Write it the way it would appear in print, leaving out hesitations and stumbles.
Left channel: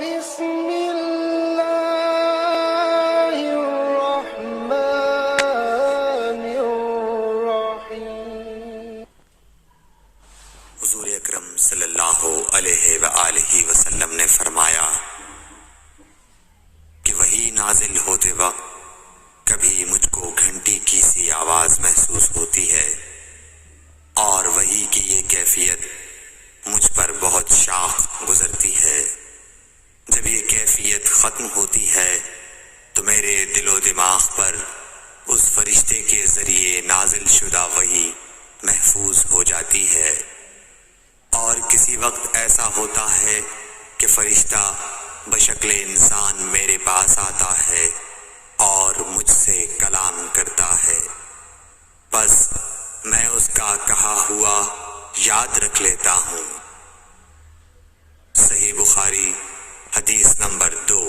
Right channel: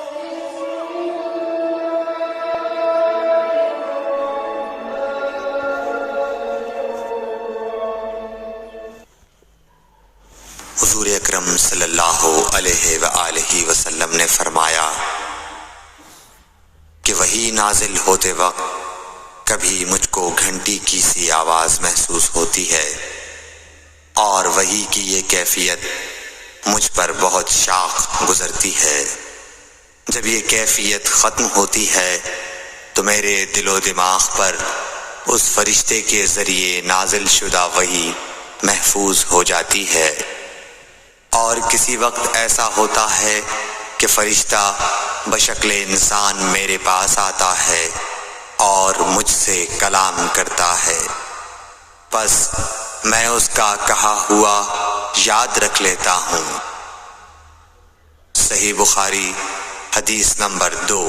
حضور اکرم صلی اللہ علیہ وآلہ وسلم نے فرمایا کہ وحی نازل ہوتے وقت کبھی مجھ کو گھنٹی کی سی آواز محسوس ہوتی ہے، اور وحی کی یہ کیفیت مجھ پر بہت شاخ گزرتی ہے۔ جب یہ کیفیت ختم ہوتی ہے تو میرے دل و دماغ پر اس فرشتے کے ذریعے نازل شدہ وحی محفوظ ہو جاتی ہے، اور کسی وقت ایسا ہوتا ہے کہ فرشتہ بشکل انسان میرے پاس آتا ہے اور مجھ سے کلام کرتا ہے، بس میں اس کا کہا ہوا یاد رکھ لیتا ہوں۔ صحیح بخاری حدیث نمبر 2۔